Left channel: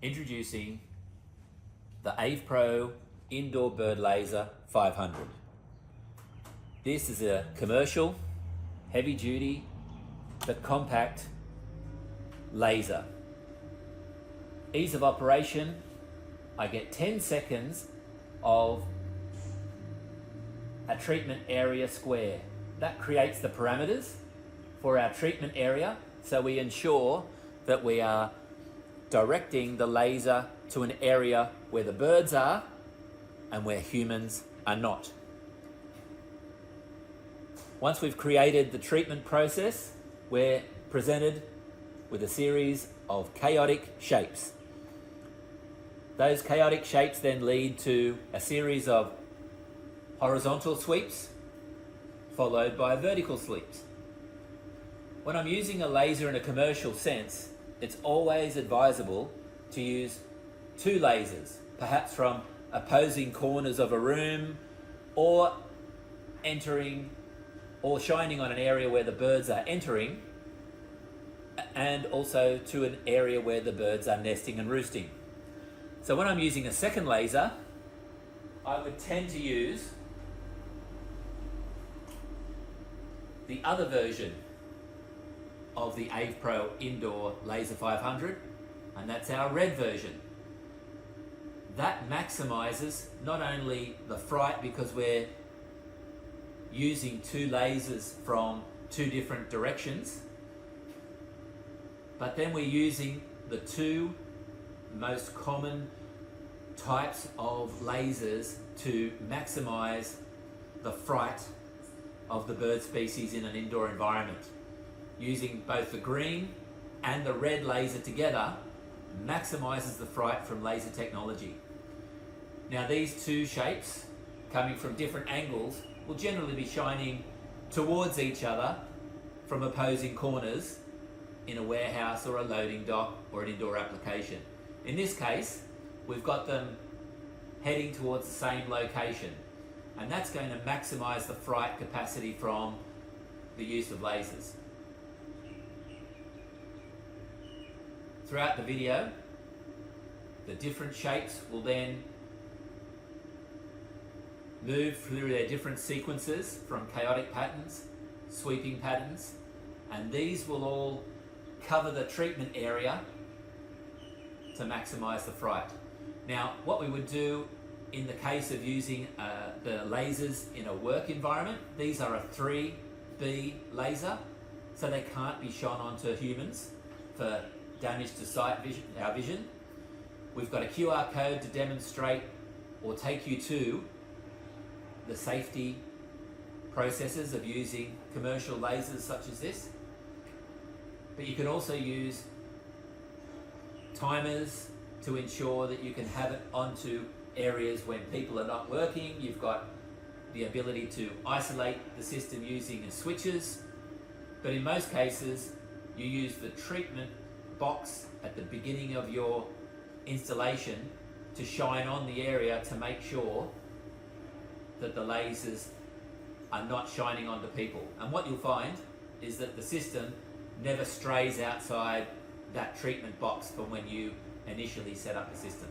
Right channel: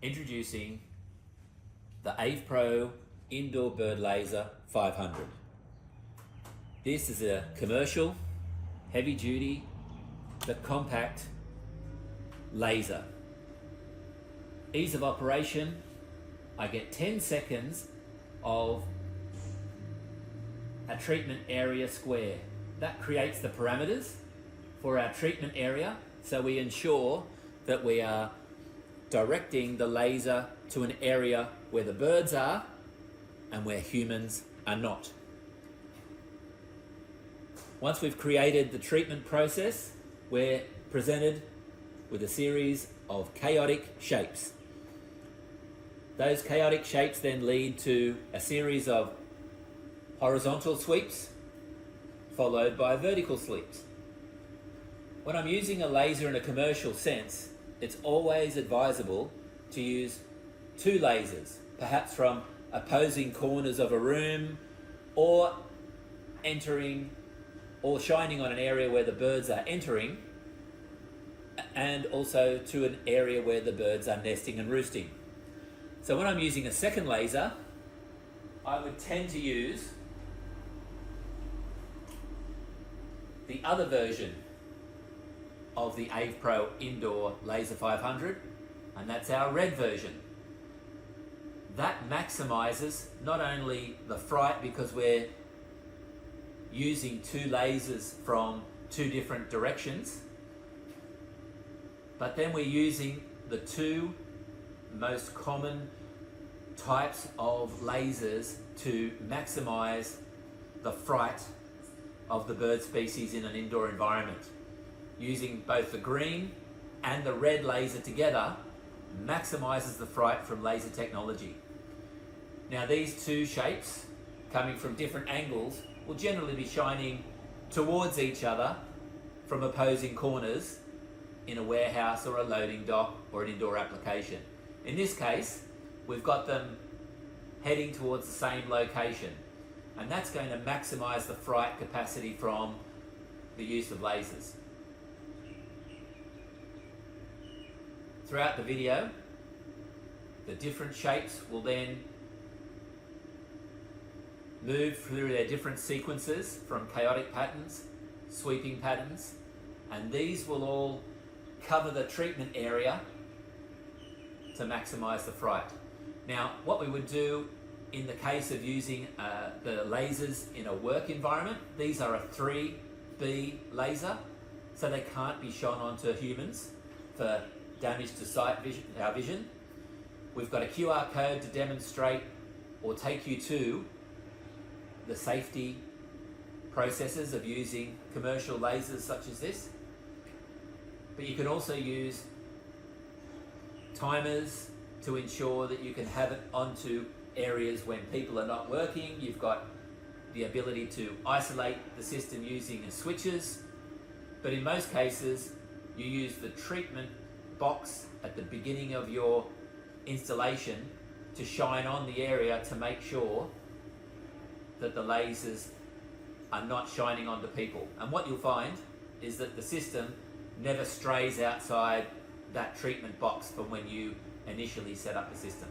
Introducing the AvePro Indoor Bird Laser 500. This is a commercial, heavy duty, but compact laser. Ease of operation, I get 10 seconds of a treatment area square. That creates the parameters for our treatment area, so we ensure that we are directing the laser to an area where the birds are and where humans are not. Once we've created the treatment process, we're presented with a series of chaotic shapes. Those chaotic shapes then lead to a series of horizontal sweeps followed by vertical sweeps. When I'm using a laser in a commercial sense, it's always advisable to use two lasers, perhaps from opposing corners of a room, or entering or shining on an area where the birds are entering, and also to an area where the birds are nesting and roosting. So when I'm using a second laser, I would tend to use the other version of the AvePro Indoor Laser 500, and that's our red version. That maximizes not only the fright because we're using two lasers from two different directions, but then we're using the two most common types of lasers to maximize the fright of the bird species in an indoor environment. Using both the green and the red laser together maximizes the fright from laser technology. Now these two shapes, coming from different angles, will generally be shining towards each other from opposing corners in a warehouse or a loading dock or an indoor application. In this case, we've got them heading towards the same location, and that's going to maximize the fright capacity from the use of lasers. Throughout the video, the different shapes will then move through their different sequences from chaotic patterns, sweeping patterns, and these will all cover the treatment area to maximize the fright. Now, what we would do in the case of using the lasers in a work environment, these are a 3B laser, so they can't be shone onto humans for damage to sight vision, our vision. We've got a QR code to demonstrate or take you to the safety processes of using commercial lasers such as this. But you can also use timers to ensure that you can have it onto areas when people are not working. You've got the ability to isolate the system using switches, but in most cases you use the treatment box at the beginning of your installation to shine on the area to make sure that the lasers are not shining onto people. And what you'll find is that the system never strays outside that treatment box from when you initially set up the system.